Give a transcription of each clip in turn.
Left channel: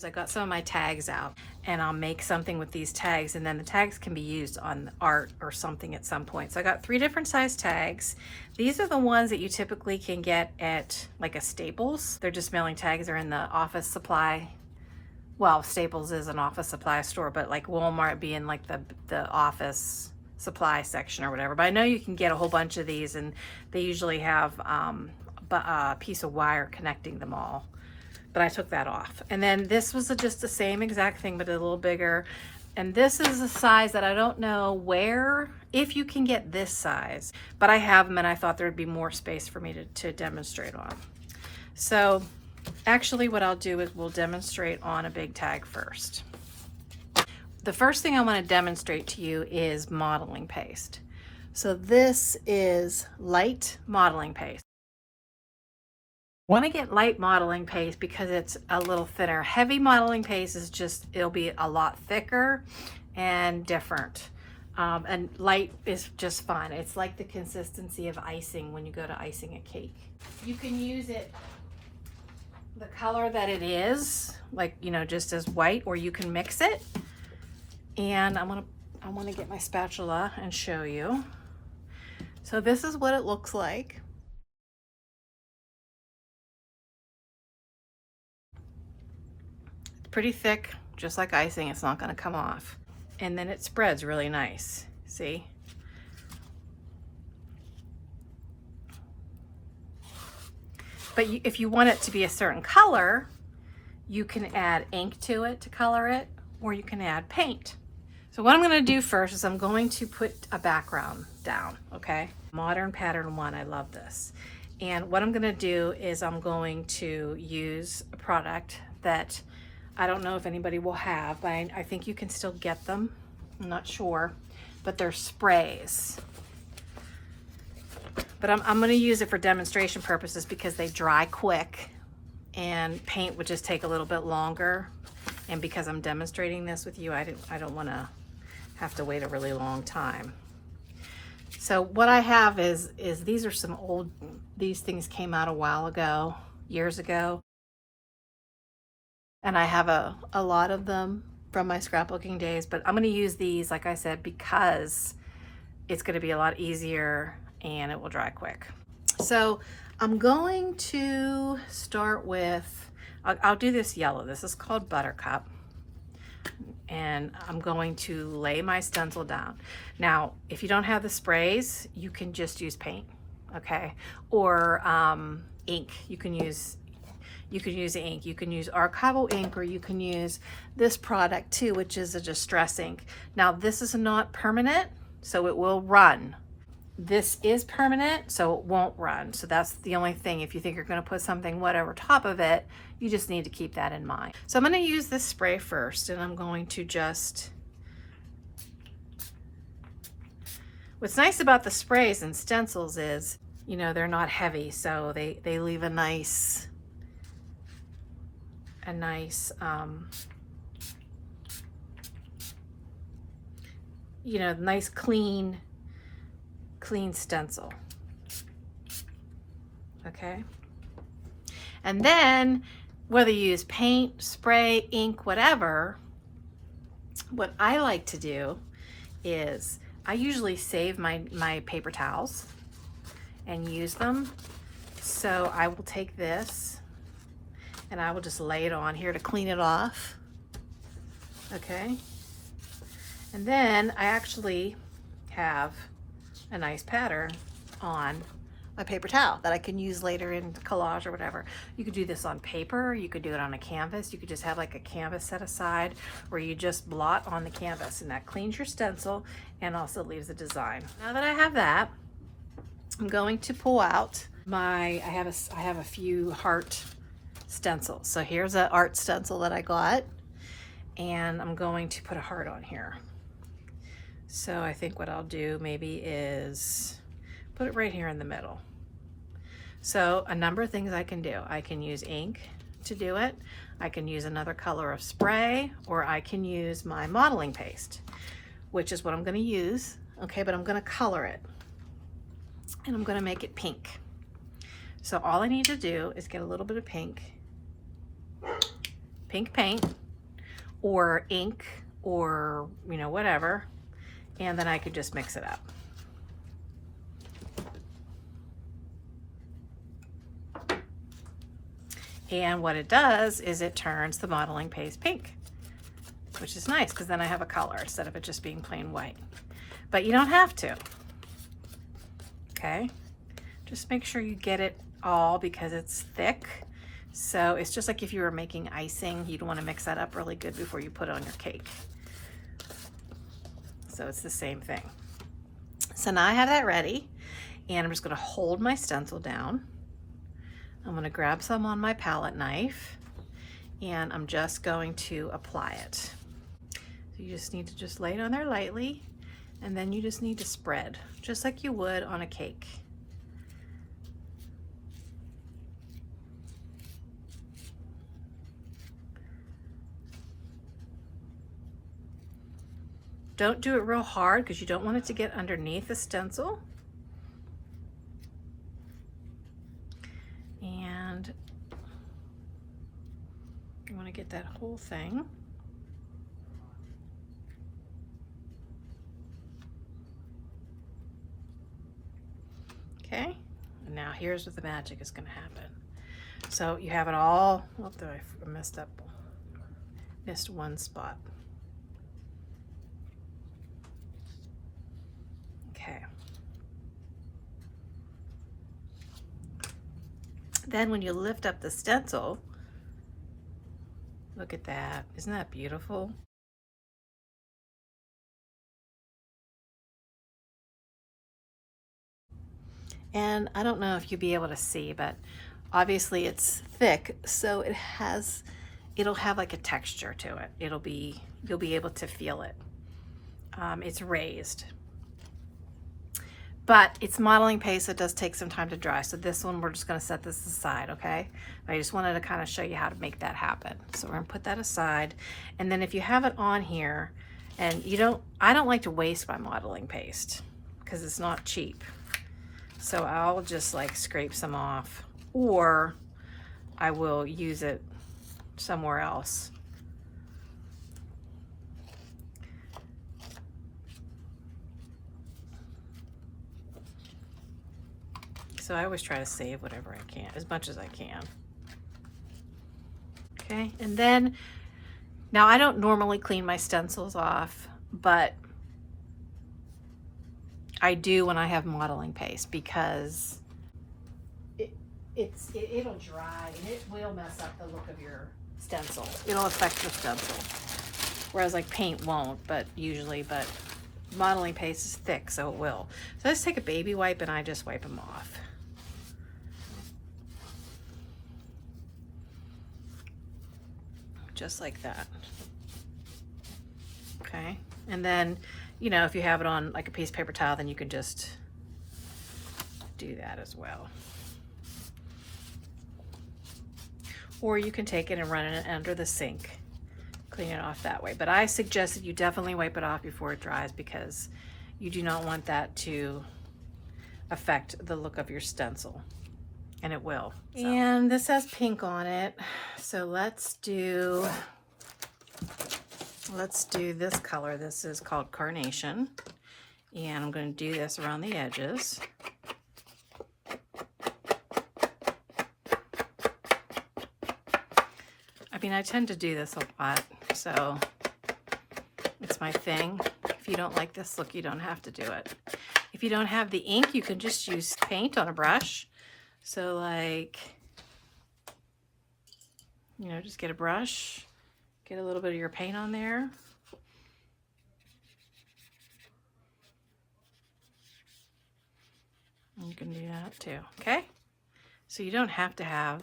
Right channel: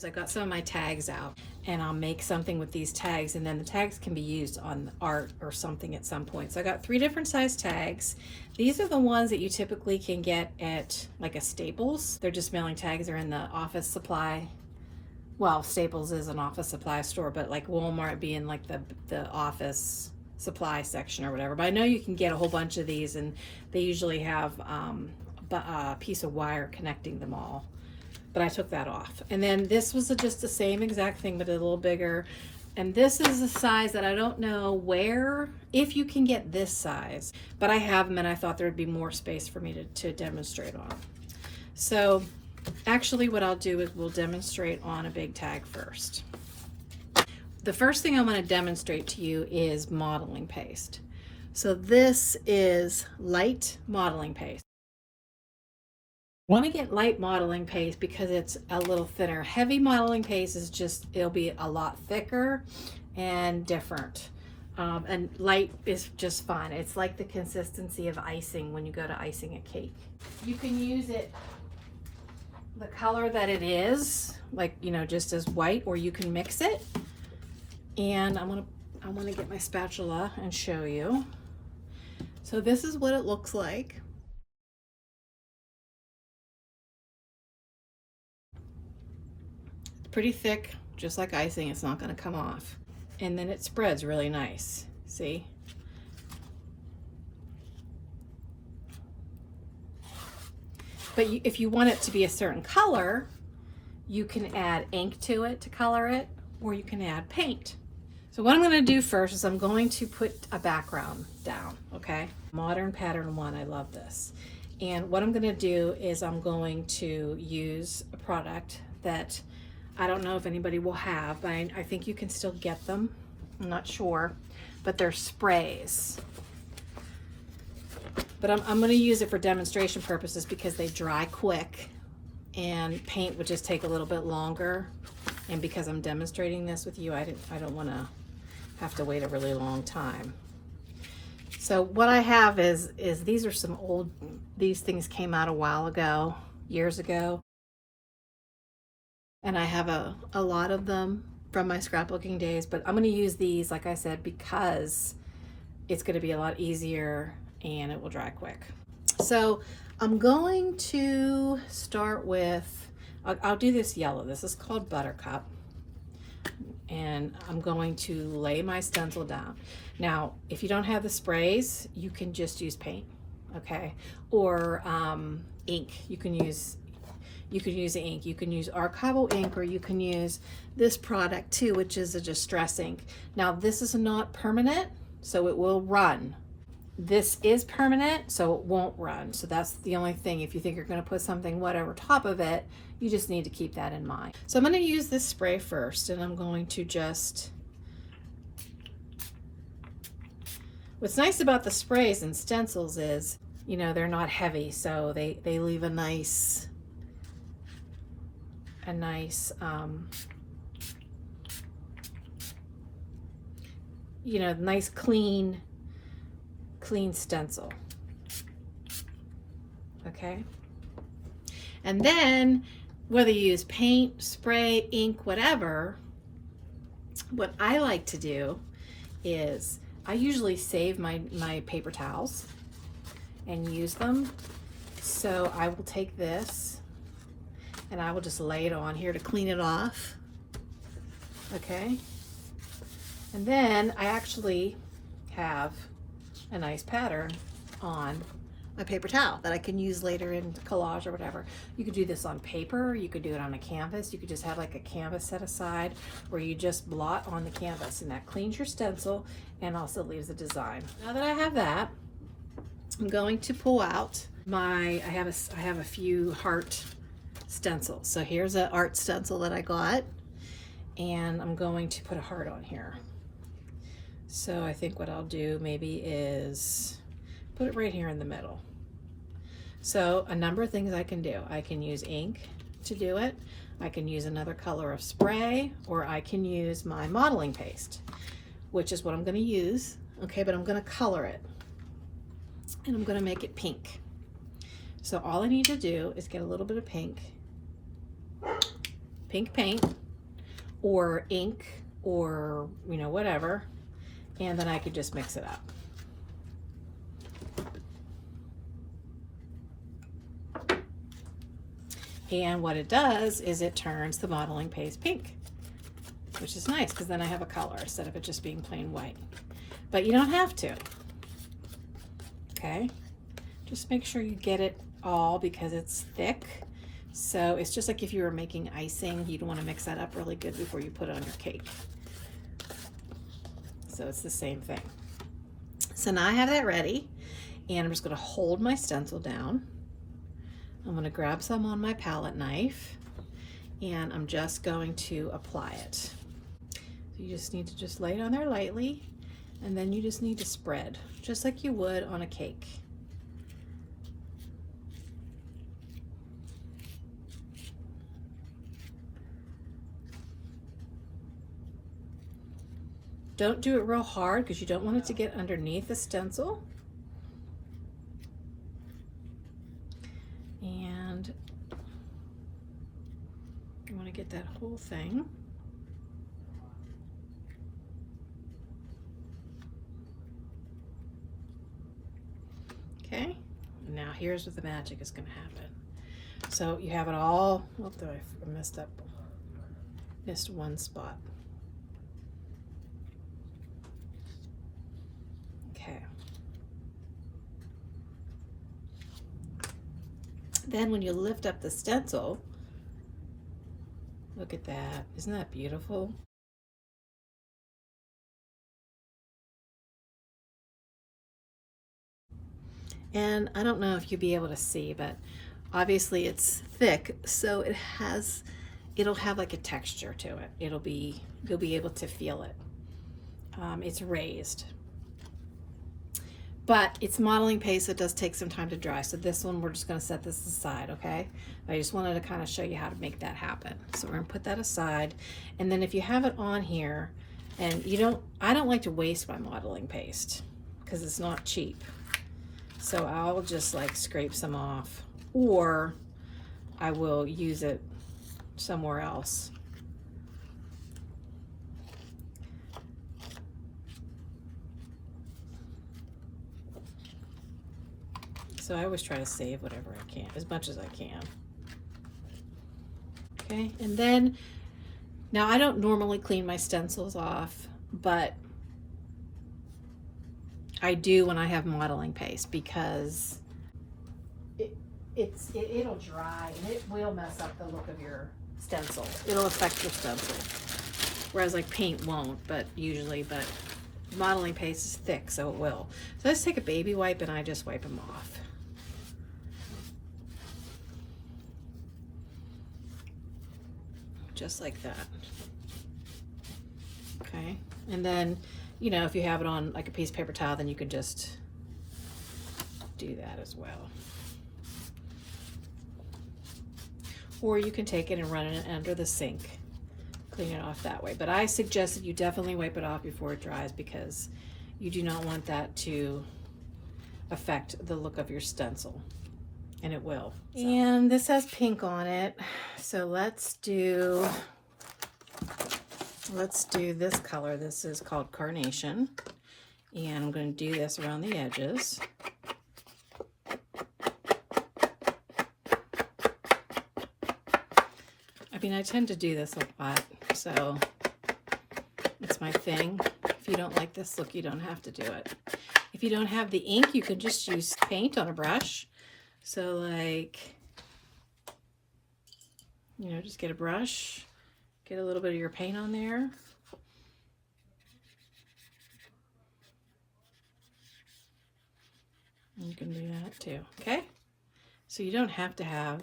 is I got some of my tags out, and I'll make something with these tags, and then the tags can be used on art or something at some point. So I got 3 different size tags. These are the ones that you typically can get at like a Staples. They're just mailing tags. They're in the office supply. Well, Staples is an office supply store, but like Walmart being like the office supply section or whatever. But I know you can get a whole bunch of these, and they usually have a piece of wire connecting them all. But I took that off. And then this was just the same exact thing, but a little bigger. And this is a size that I don't know where, if you can get this size, but I have them, and I thought there would be more space for me to demonstrate on. So actually what I'll do is we'll demonstrate on a big tag first. The first thing I want to demonstrate to you is modeling paste. So this is light modeling paste. I want to get light modeling paste because it's a little thinner. Heavy modeling paste is just, it'll be a lot thicker and different. And light is just fun. It's like the consistency of icing when you go to icing a cake. You can use it the color that it is, like, you know, just as white, or you can mix it. And I want to get my spatula and show you. So this is what it looks like. Pretty thick, just like icing. It's not going to come off. And then it spreads really nice. See? But if you want it to be a certain color, you can add ink to it to color it, or you can add paint. So what I'm going to do first is I'm going to put a background down, okay? Modern Pattern 1, I love this. And what I'm going to do is I'm going to use a product that I don't know if anybody will have, but I think you can still get them. I'm not sure, but they're sprays. But I'm going to use it for demonstration purposes because they dry quick, and paint would just take a little bit longer. And because I'm demonstrating this with you, I don't want to have to wait a really long time. So what I have is these are some old, these things came out a while ago, years ago. And I have a lot of them from my scrapbooking days, but I'm going to use these, like I said, because it's going to be a lot easier and it will dry quick. So I'm going to start with, I'll do this yellow. This is called Buttercup. And I'm going to lay my stencil down. Now, if you don't have the sprays, you can just use paint, okay? Or ink. You can use ink. You can use archival ink, or you can use this product too, which is a distress ink. Now, this is not permanent, so it will run. This is permanent, so it won't run. So that's the only thing. If you think you're going to put something whatever top of it, you just need to keep that in mind. So I'm going to use this spray first, and I'm going to just, what's nice about the sprays and stencils is, you know, they're not heavy, so they leave a nice you know, nice clean stencil. Okay. And then whether you use paint, spray, ink, whatever, what I like to do is I usually save my paper towels and use them. So I will take this and I will just lay it on here to clean it off. Okay. And then I actually have a nice pattern on a paper towel that I can use later in collage or whatever. You could do this on paper, you could do it on a canvas, you could just have like a canvas set aside where you just blot on the canvas, and that cleans your stencil and also leaves a design. Now that I have that, I'm going to pull out my, I have a few heart stencils. So here's an art stencil that I got, and I'm going to put a heart on here. So I think what I'll do maybe is put it right here in the middle. So a number of things I can do. I can use ink to do it. I can use another color of spray, or I can use my modeling paste, which is what I'm going to use. Okay, but I'm going to color it, and I'm going to make it pink. So all I need to do is get a little bit of pink pink paint or ink or, you know, whatever, and then I could just mix it up. And what it does is it turns the modeling paste pink, which is nice because then I have a color instead of it just being plain white. But you don't have to, okay? Just make sure you get it all because it's thick. So it's just like if you were making icing, you'd want to mix that up really good before you put it on your cake. So it's the same thing. So now I have that ready, and I'm just going to hold my stencil down. I'm going to grab some on my palette knife, and I'm just going to apply it. So you just need to just lay it on there lightly, and then you just need to spread, just like you would on a cake. Don't do it real hard because you don't want it to get underneath the stencil. And you want to get that whole thing. Okay, and now here's what the magic is going to happen. So you have it all. Oh, I messed up. Missed one spot. Okay. Then when you lift up the stencil, look at that. Isn't that beautiful? And I don't know if you'll be able to see, but obviously it's thick, so it'll have like a texture to it. You'll be able to feel it. It's raised. But it's modeling paste, so it does take some time to dry. So this one, we're just gonna set this aside, okay? I just wanted to kind of show you how to make that happen. So we're gonna put that aside. And then if you have it on here, and I don't like to waste my modeling paste because it's not cheap. So I'll just like scrape some off, or I will use it somewhere else. So I always try to save whatever I can, as much as I can. Okay, and then, now I don't normally clean my stencils off, but I do when I have modeling paste because it'll dry and it will mess up the look of your stencil. It'll affect the stencil. Whereas like paint won't, but modeling paste is thick, so it will. So I just take a baby wipe and I just wipe them off. Just like that. Okay, and then, you know, if you have it on like a piece of paper towel, then you can just do that as well. Or you can take it and run it under the sink, clean it off that way. But I suggest that you definitely wipe it off before it dries because you do not want that to affect the look of your stencil, and it will. So. And this has pink on it, so let's do this color. This is called Carnation, and I'm going to do this around the edges. I mean, I tend to do this a lot, so it's my thing. If you don't like this look, you don't have to do it. If you don't have the ink, you can just use paint on a brush. So like, you know, just get a brush, get a little bit of your paint on there. And you can do that too, okay? So you don't have to have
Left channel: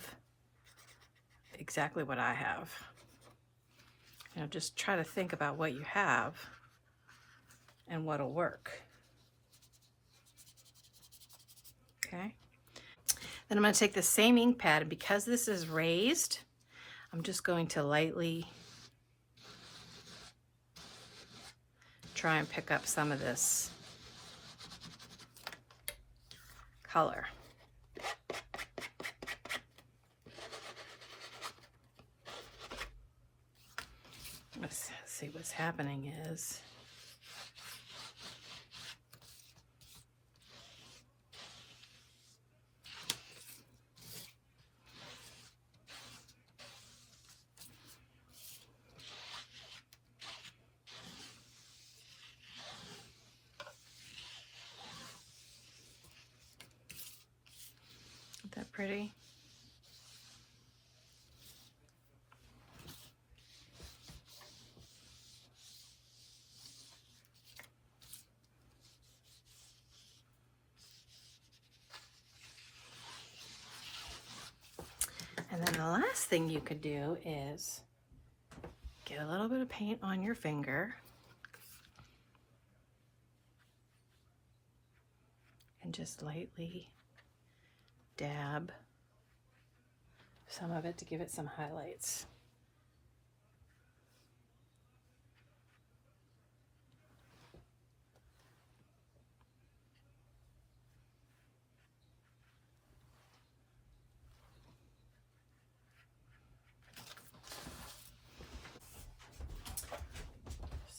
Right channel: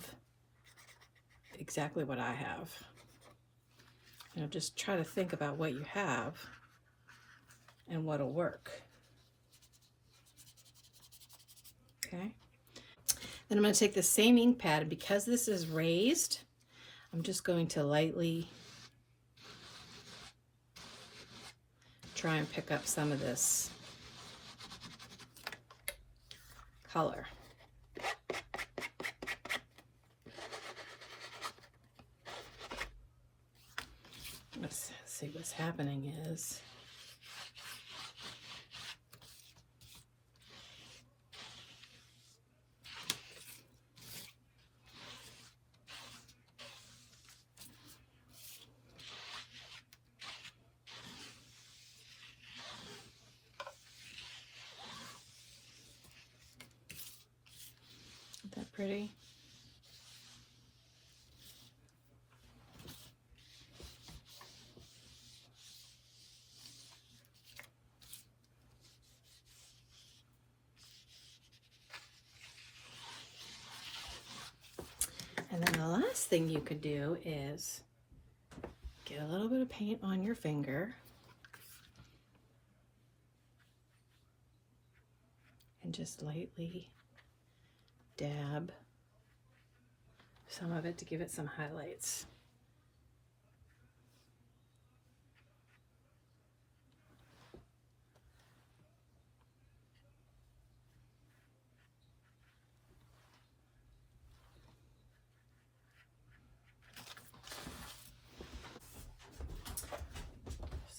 exactly what I have. You know, just try to think about what you have and what'll work. Okay. Then I'm going to take the same ink pad, and because this is raised, I'm just going to lightly try and pick up some of this color. Let's see what's happening is isn't that pretty? And then the last thing you could do is get a little bit of paint on your finger and just lightly dab some of it to give it some highlights.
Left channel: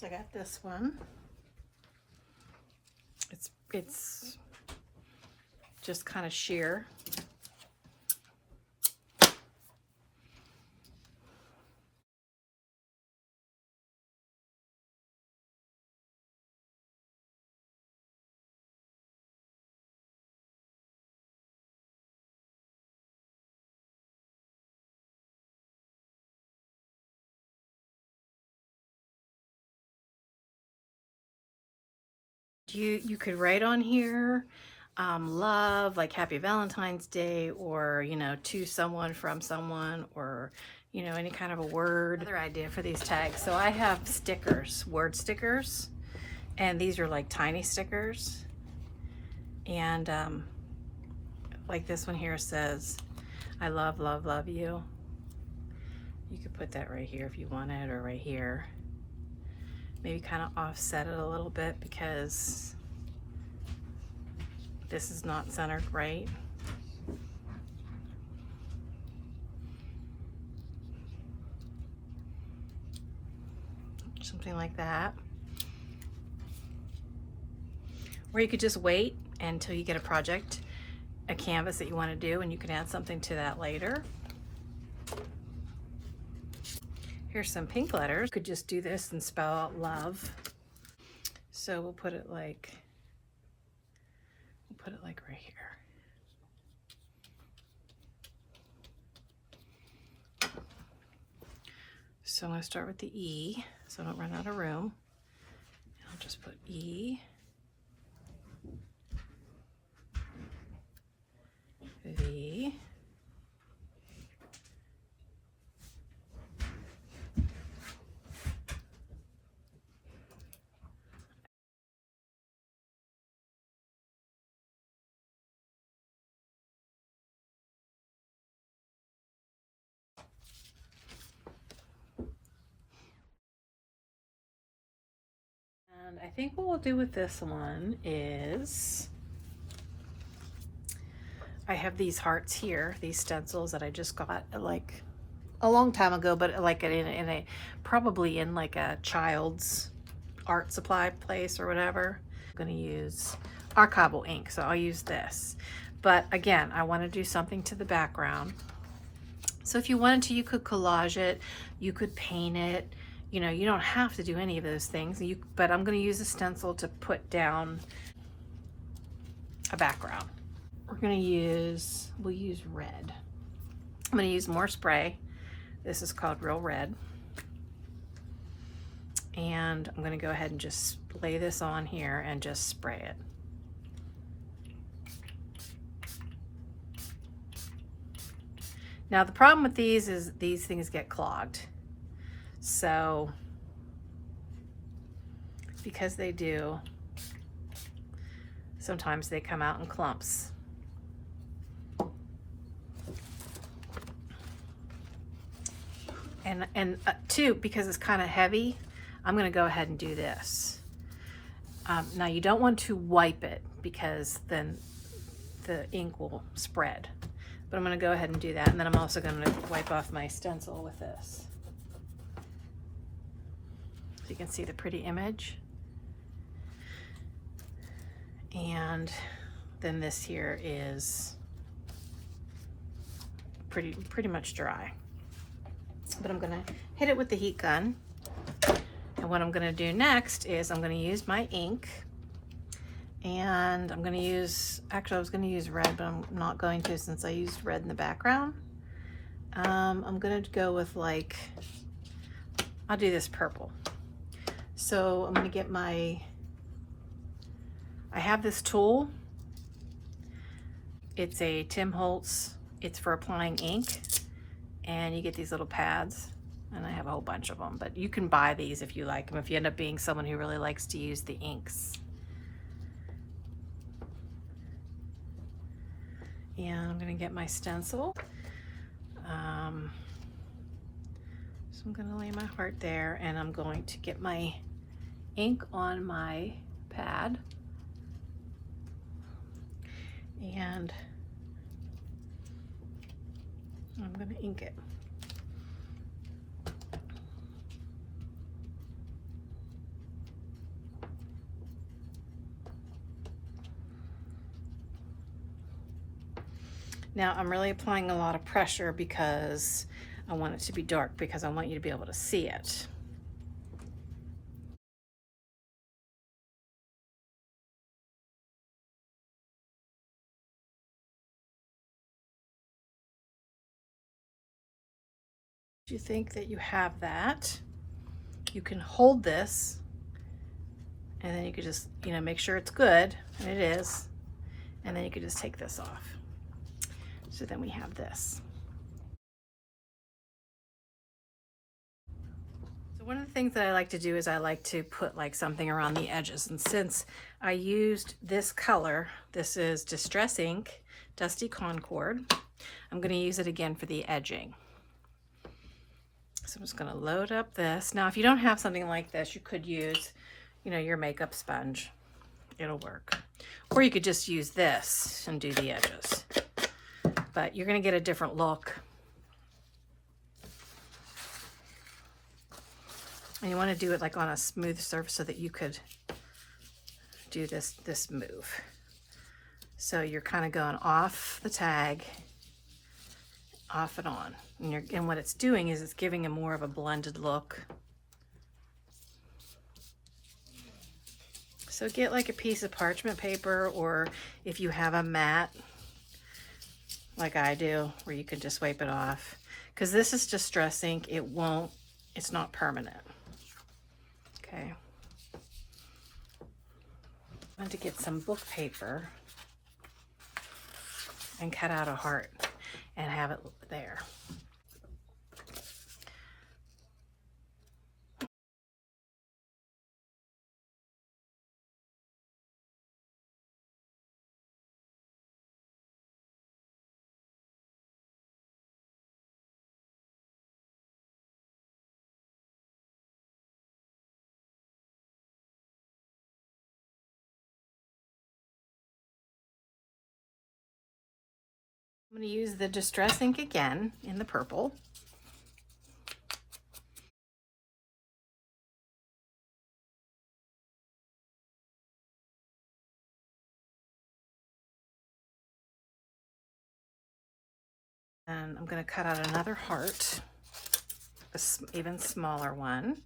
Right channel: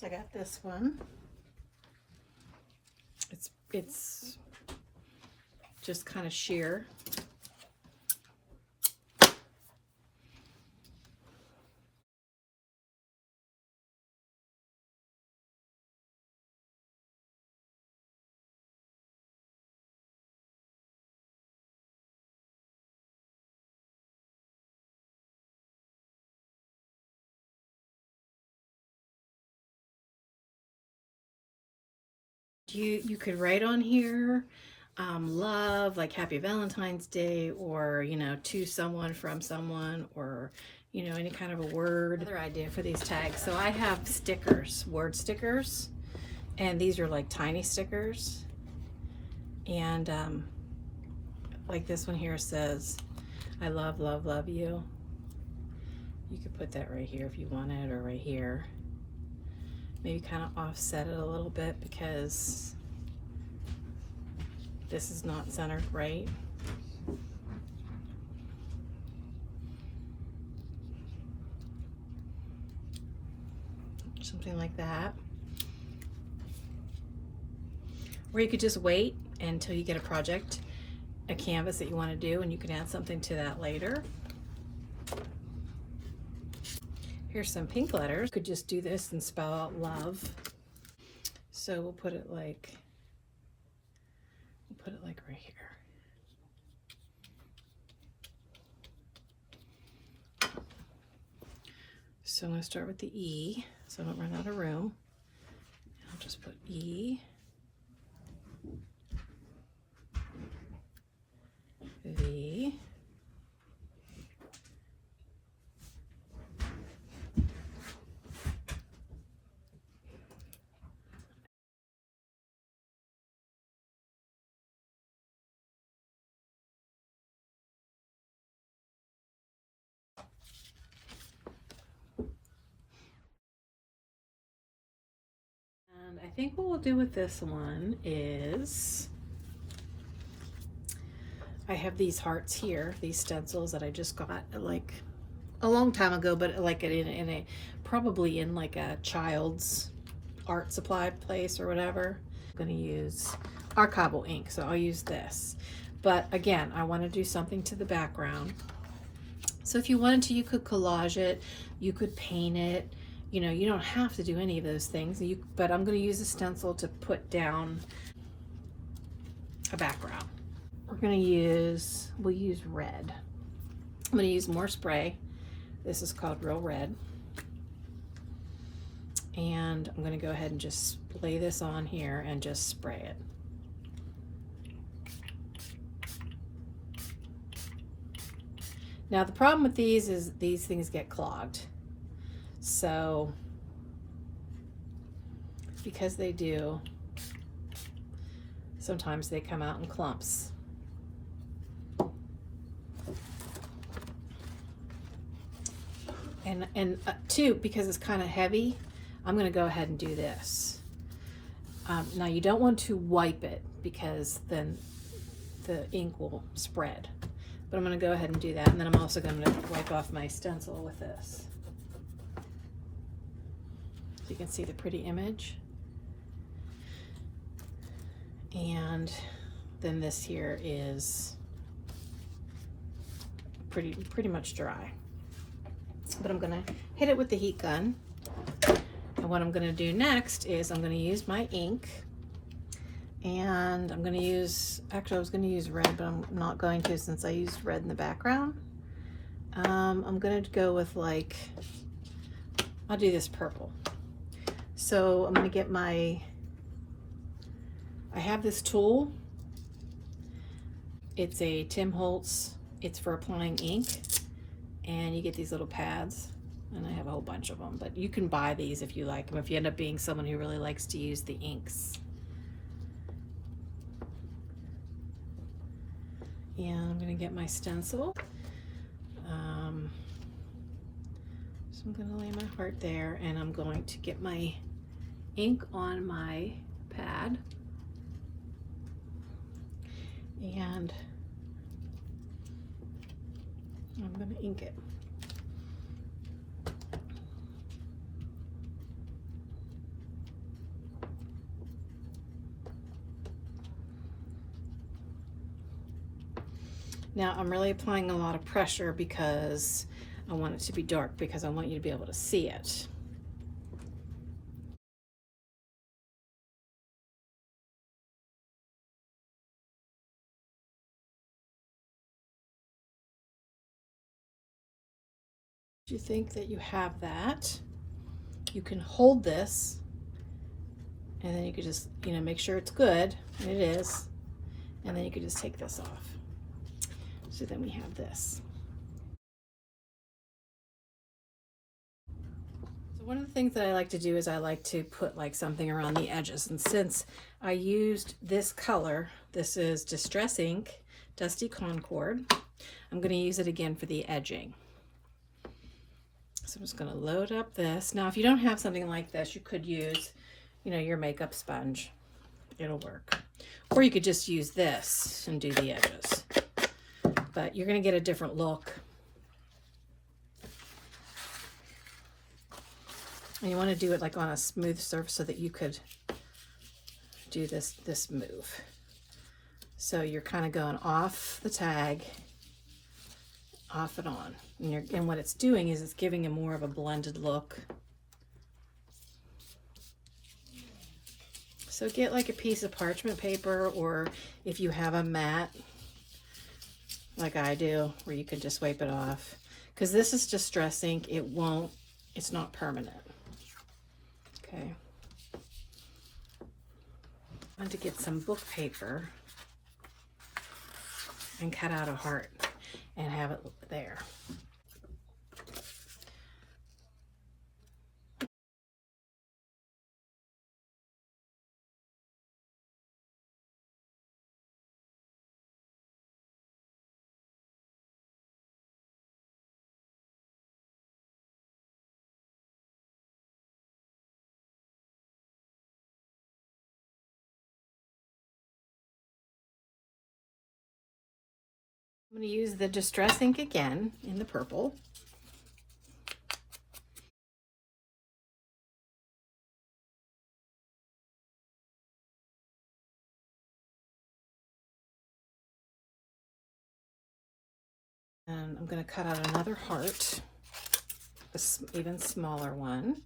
So I got this one. It's just kind of sheer. You could write on here love, like Happy Valentine's Day, or, you know, to someone, from someone, or, you know, any kind of a word. Another idea for these tags. So I have stickers, word stickers, and these are like tiny stickers. And like this one here says, I love, love, love you. You could put that right here if you wanted, or right here. Maybe kind of offset it a little bit because this is not centered right. Something like that. Or you could just wait until you get a project, a canvas that you want to do, and you can add something to that later. Here's some pink letters. Could just do this and spell out love. So we'll put it like right here. So I'm going to start with the E, so I don't run out of room. I'll just put E, V, and I think what we'll do with this one is I have these hearts here, these stencils that I just got like a long time ago, but like in a probably in like a child's art supply place or whatever. I'm going to use Acrylic ink, so I'll use this. But again, I want to do something to the background. So if you wanted to, you could collage it, you could paint it. You know, you don't have to do any of those things. But I'm going to use a stencil to put down a background. We'll use red. I'm going to use more spray. This is called Real Red. And I'm going to go ahead and just lay this on here and just spray it. Now the problem with these is these things get clogged. So, because they do, sometimes they come out in clumps. And two, because it's kind of heavy, I'm going to go ahead and do this. Now you don't want to wipe it because then the ink will spread. But I'm going to go ahead and do that, and then I'm also going to wipe off my stencil with this. so you can see the pretty image. And then this here is pretty much dry. But I'm gonna hit it with the heat gun. And what I'm gonna do next is I'm gonna use my ink, and I'm gonna use, actually I was gonna use red, but I'm not going to since I used red in the background. I'm gonna go with like, I'll do this purple. So I'm gonna get my, I have this tool. It's a Tim Holtz, it's for applying ink, and you get these little pads, and I have a whole bunch of them, but you can buy these if you like them, if you end up being someone who really likes to use the inks. And I'm gonna get my stencil. So I'm gonna lay my heart there, and I'm going to get my ink on my pad. And I'm going to ink it. Now I'm really applying a lot of pressure because I want it to be dark, because I want you to be able to see it. If you think that you have that, you can hold this, and then you could just, you know, make sure it's good, and it is, and then you could just take this off. So then we have this. So one of the things that I like to do is I like to put like something around the edges, and since I used this color, this is Distress Ink, Dusty Concord, I'm going to use it again for the edging. So I'm just going to load up this. Now, if you don't have something like this, you could use, you know, your makeup sponge. It'll work. Or you could just use this and do the edges. But you're going to get a different look. And you want to do it like on a smooth surface so that you could do this move. So you're kind of going off the tag, off and on. And what it's doing is it's giving a more of a blended look. So get like a piece of parchment paper, or if you have a mat, like I do, where you can just wipe it off. Because this is Distress Ink, it's not permanent. Okay. I want to get some book paper and cut out a heart and have it there. I'm going to use the Distress Ink again in the purple. And I'm going to cut out another heart, an even smaller one.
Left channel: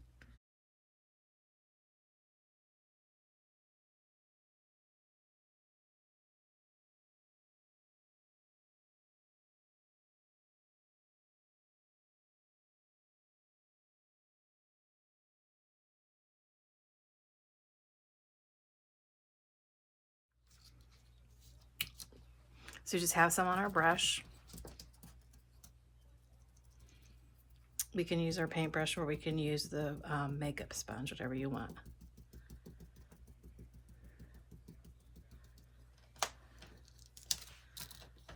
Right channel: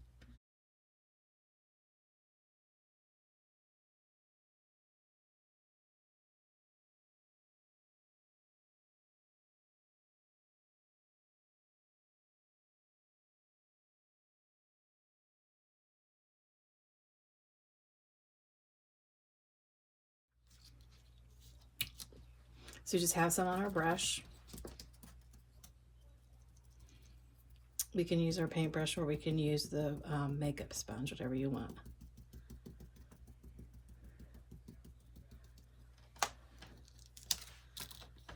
So just have some on our brush. We can use our paintbrush, or we can use the makeup sponge, whatever you want.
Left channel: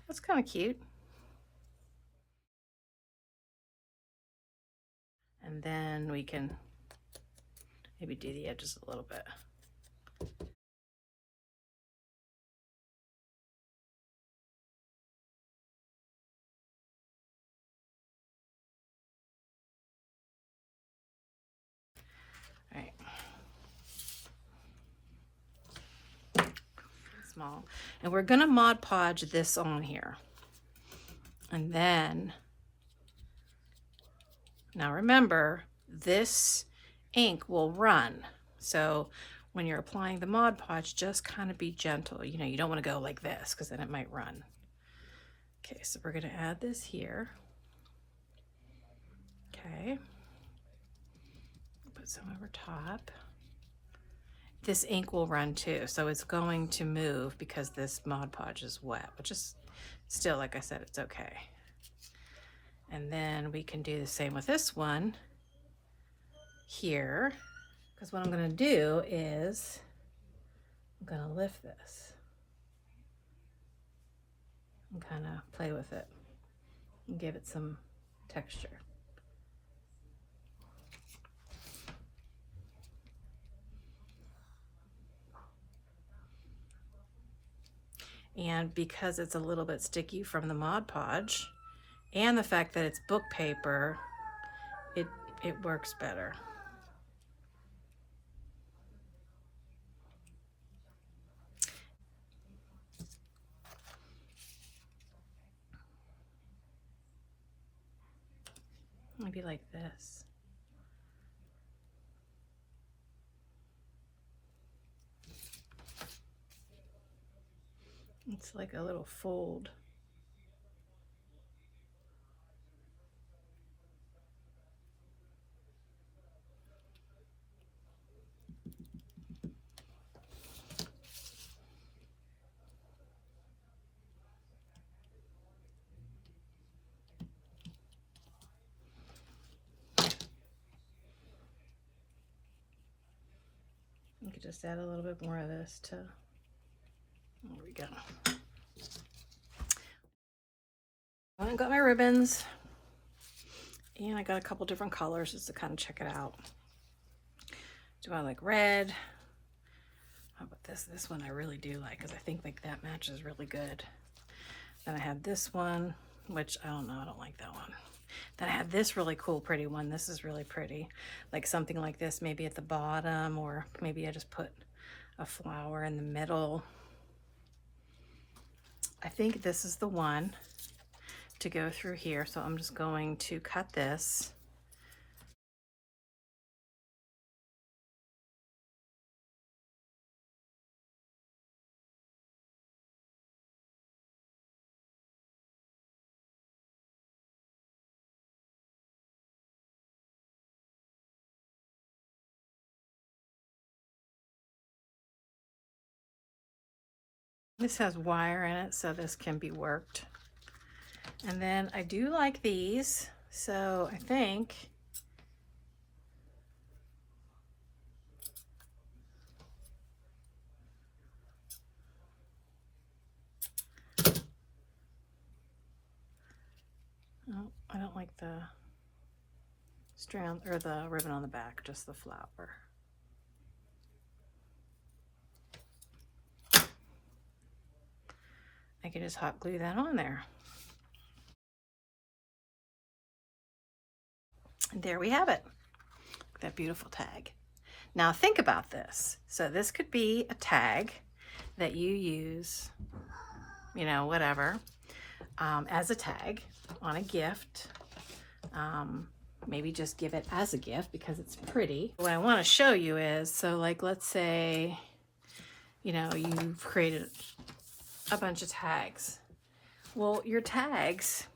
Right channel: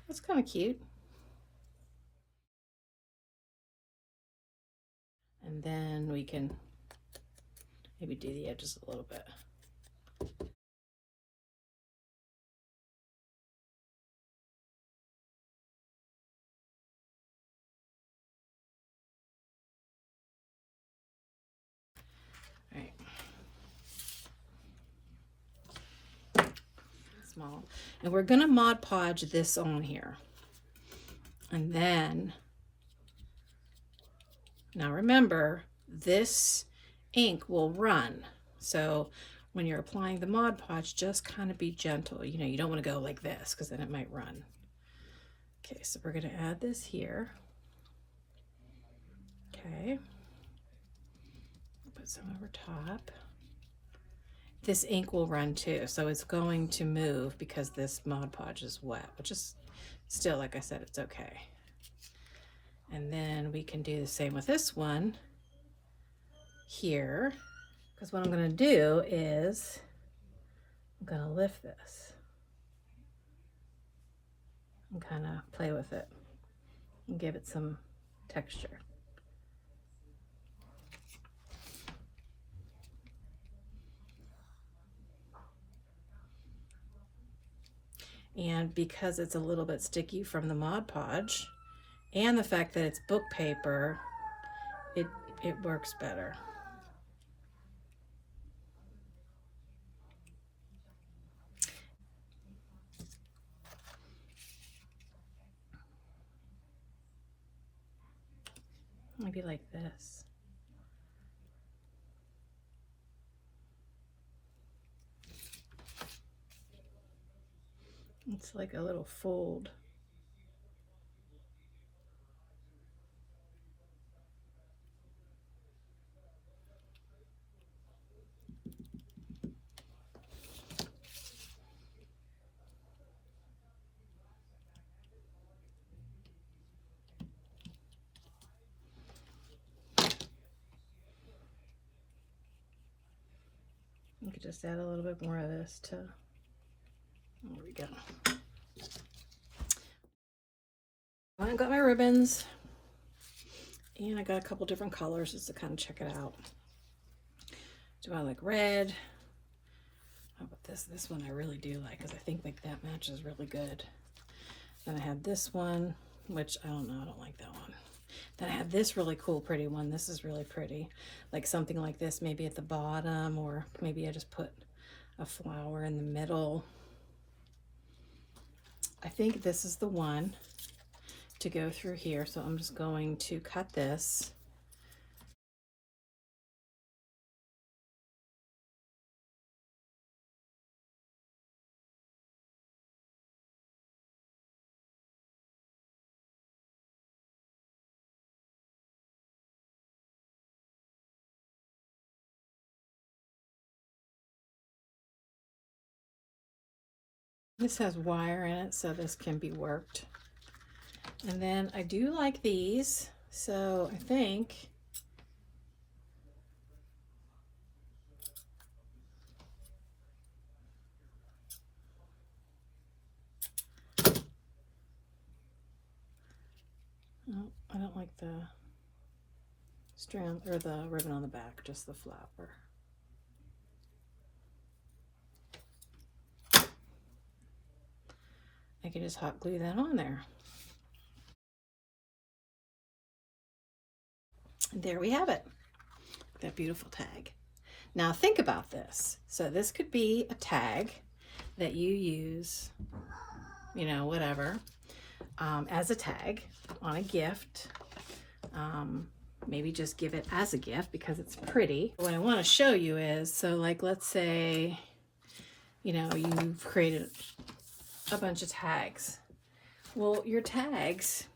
That's kind of cute. And then we can maybe do the edges a little bit. All small. And we're gonna Mod Podge this on here. And then, now remember, this ink will run. So when you're applying the Mod Podge, just kind of be gentle. You know, you don't want to go like this because then it might run. Okay, so we're going to add this here. Okay. Put some over top. This ink will run too, so it's going to move because this Mod Podge is wet, which is still, like I said, it's okay. And then we can do the same with this one here, because what I'm going to do is I'm going to lift this and kind of play with it and give it some texture. And because it's a little bit sticky from the Mod Podge and the fact that it's book paper, it works better. Maybe like this. It's like a little fold. You could just add a little bit more of this to, there we go. I got my ribbons and I got a couple different colors just to kind of check it out. Do I like red? How about this? This one I really do like because I think like that matches really good. Then I had this one, which I don't know, I don't like that one. Then I had this really cool, pretty one. This is really pretty. Like something like this, maybe at the bottom, or maybe I just put a flower in the middle. I think this is the one to go through here. So I'm just going to cut this. This has wire in it, so this can be worked. And then I do like these, so I think oh, I don't like the strand or the ribbon on the back, just the flower. I can just hot glue that on there. And there we have it. That beautiful tag. Now think about this. So this could be a tag that you use, you know, whatever, as a tag on a gift. Maybe just give it as a gift because it's pretty. What I want to show you is, so like, let's say, you know, you've created a bunch of tags. Well, your tags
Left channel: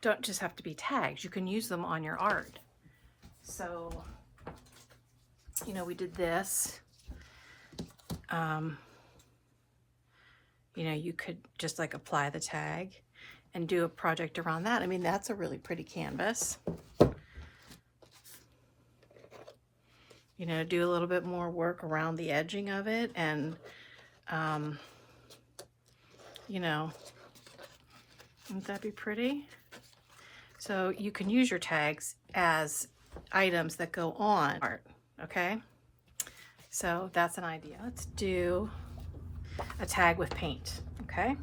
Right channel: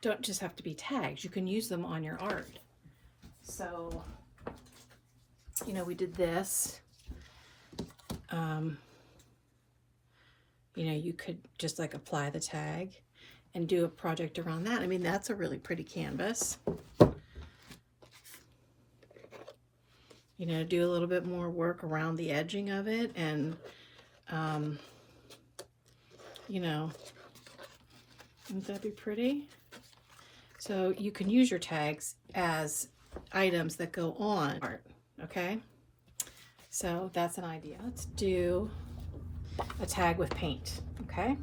don't just have to be tags. You can use them on your art. So, you know, we did this. You know, you could just like apply the tag and do a project around that. I mean, that's a really pretty canvas. You know, do a little bit more work around the edging of it and, you know, wouldn't that be pretty? So you can use your tags as items that go on art, okay? So that's an idea. Let's do a tag with paint, okay?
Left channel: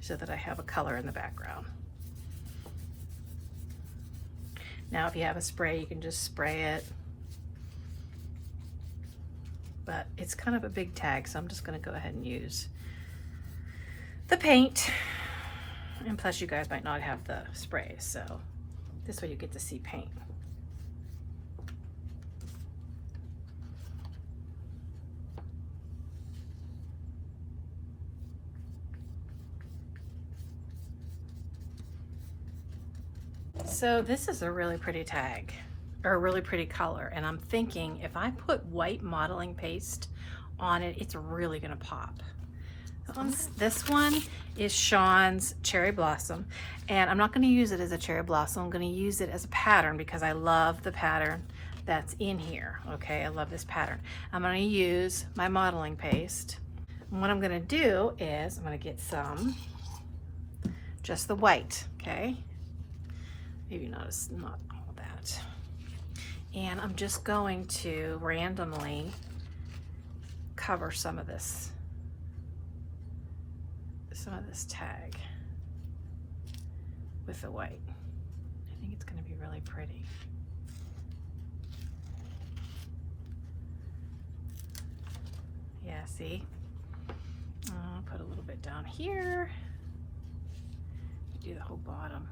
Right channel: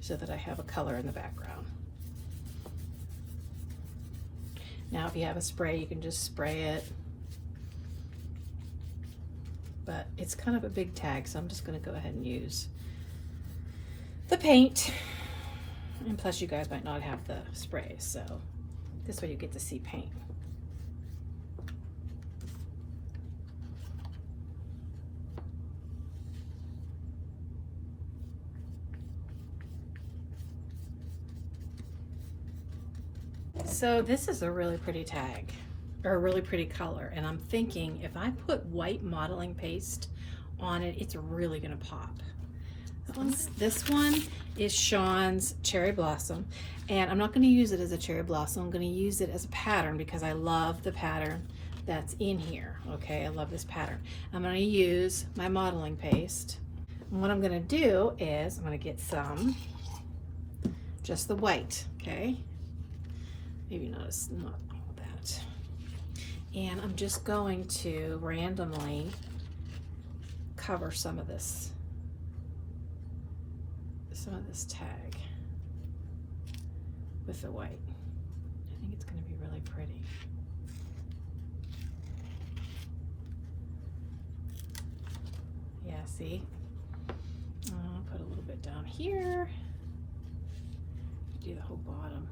So that I have a color in the background. Now, if you have a spray, you can just spray it. it's kind of a big tag, so I'm just gonna go ahead and use the paint. And plus you guys might not have the sprays, so this way you get to see paint. So this is a really pretty tag, or a really pretty color, and I'm thinking if I put white modeling paste on it, it's really gonna pop. This one is Sean's Cherry Blossom, and I'm not gonna use it as a cherry blossom. I'm gonna use it as a pattern because I love the pattern that's in here, okay? I love this pattern. I'm gonna use my modeling paste. And what I'm gonna do is I'm gonna get some, just the white, okay? Maybe not all that. And I'm just going to randomly cover some of this tag with the white. I think it's going to be really pretty. Yeah, see? I'll put a little bit down here. Do the whole bottom.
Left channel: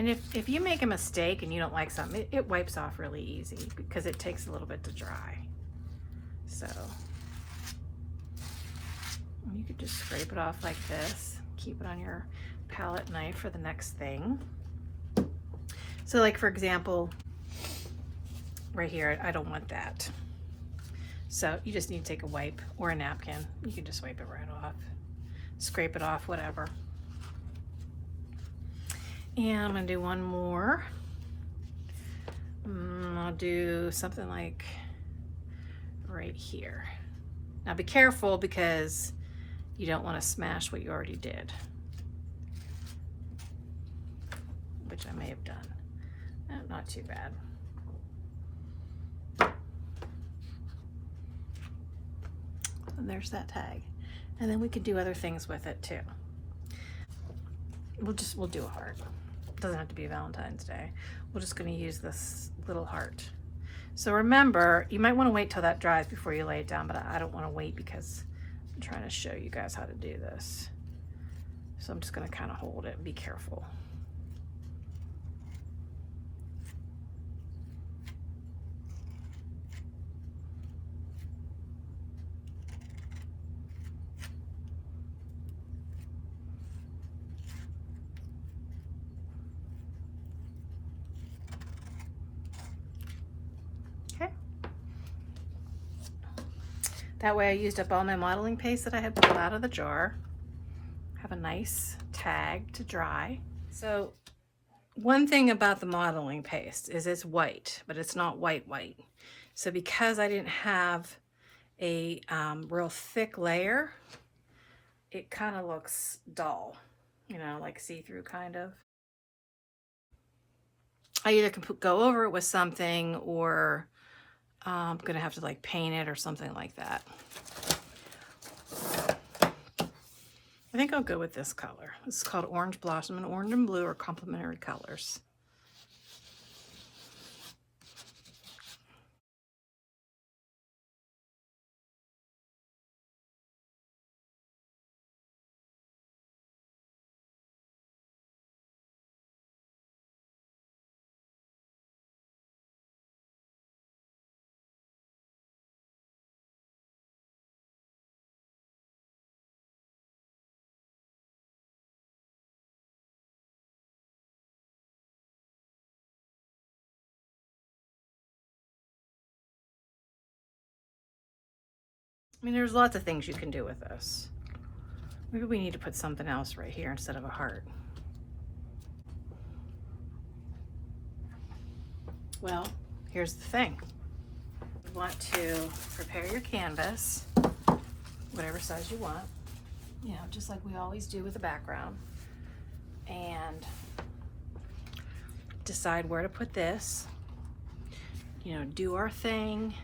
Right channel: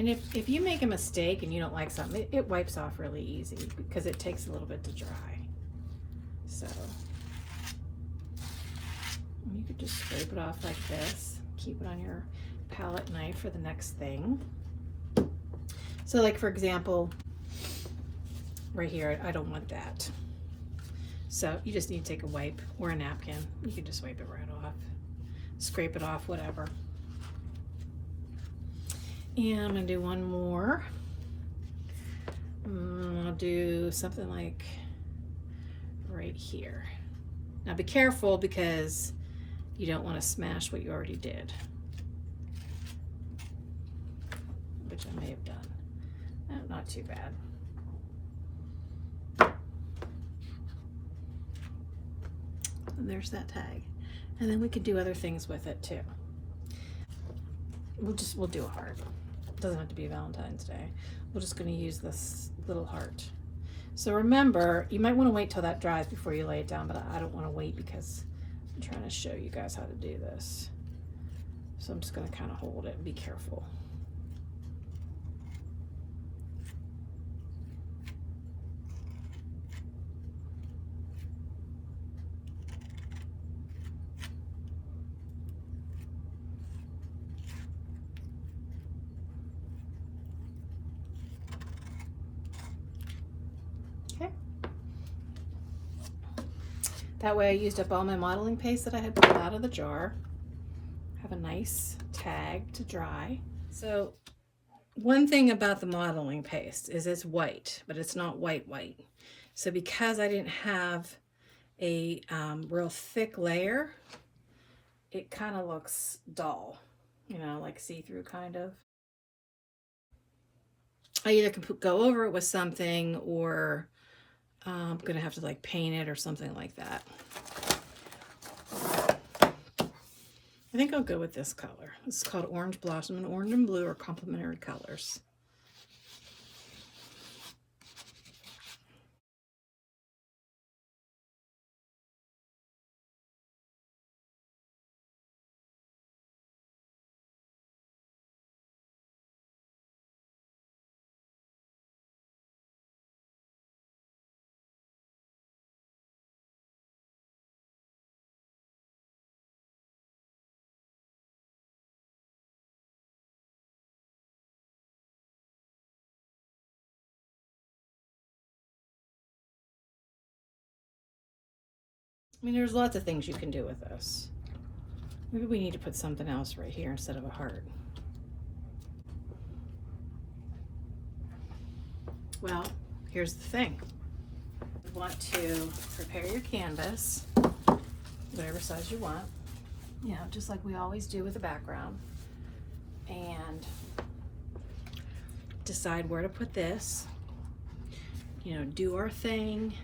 And if you make a mistake and you don't like something, it wipes off really easy because it takes a little bit to dry. So you could just scrape it off like this. Keep it on your palette knife for the next thing. So like for example, right here, I don't want that. So you just need to take a wipe or a napkin. You can just wipe it right off. Scrape it off, whatever. And I'm gonna do one more. I'll do something like right here. Now be careful because you don't want to smash what you already did, which I may have done. Not too bad. And there's that tag. And then we could do other things with it too. We'll do a heart. It doesn't have to be Valentine's Day. We're just going to use this little heart. So remember, you might want to wait till that dries before you lay it down, but I don't want to wait because I'm trying to show you guys how to do this. So I'm just going to kind of hold it and be careful. That way I used up all my modeling paste that I had pulled out of the jar. Have a nice tag to dry. So one thing about the modeling paste is it's white, but it's not white. So because I didn't have a real thick layer, it kind of looks dull, you know, like see-through kind of. I either can go over it with something or I'm gonna have to like paint it or something like that. I think I'll go with this color. This is called Orange Blossom, and orange and blue are complementary colors. I mean, there's lots of things you can do with this. Maybe we need to put something else right here instead of a heart. Well, here's the thing. You want to prepare your canvas, whatever size you want, you know, just like we always do with the background, and decide where to put this, you know, do our thing,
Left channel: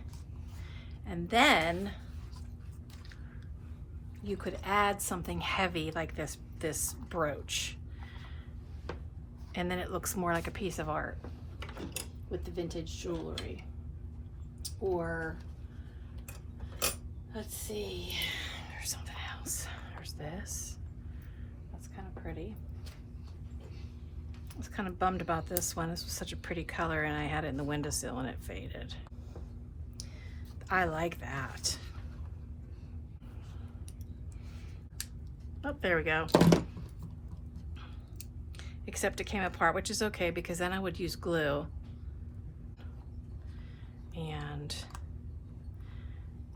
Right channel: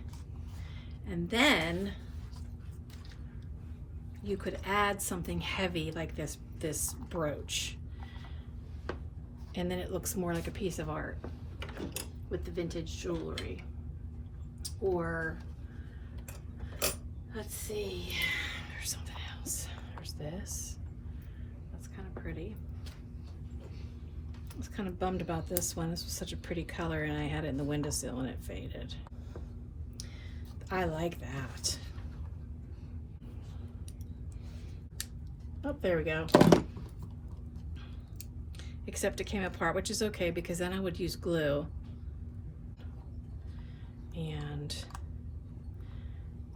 and then you could add something heavy like this brooch. and then it looks more like a piece of art with the vintage jewelry. Or let's see, there's something else. There's this. That's kind of pretty. I was kind of bummed about this one. This was such a pretty color, and I had it in the windowsill and it faded. I like that. Oh, there we go. Except it came apart, which is okay because then I would use glue. And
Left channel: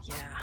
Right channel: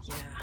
yeah,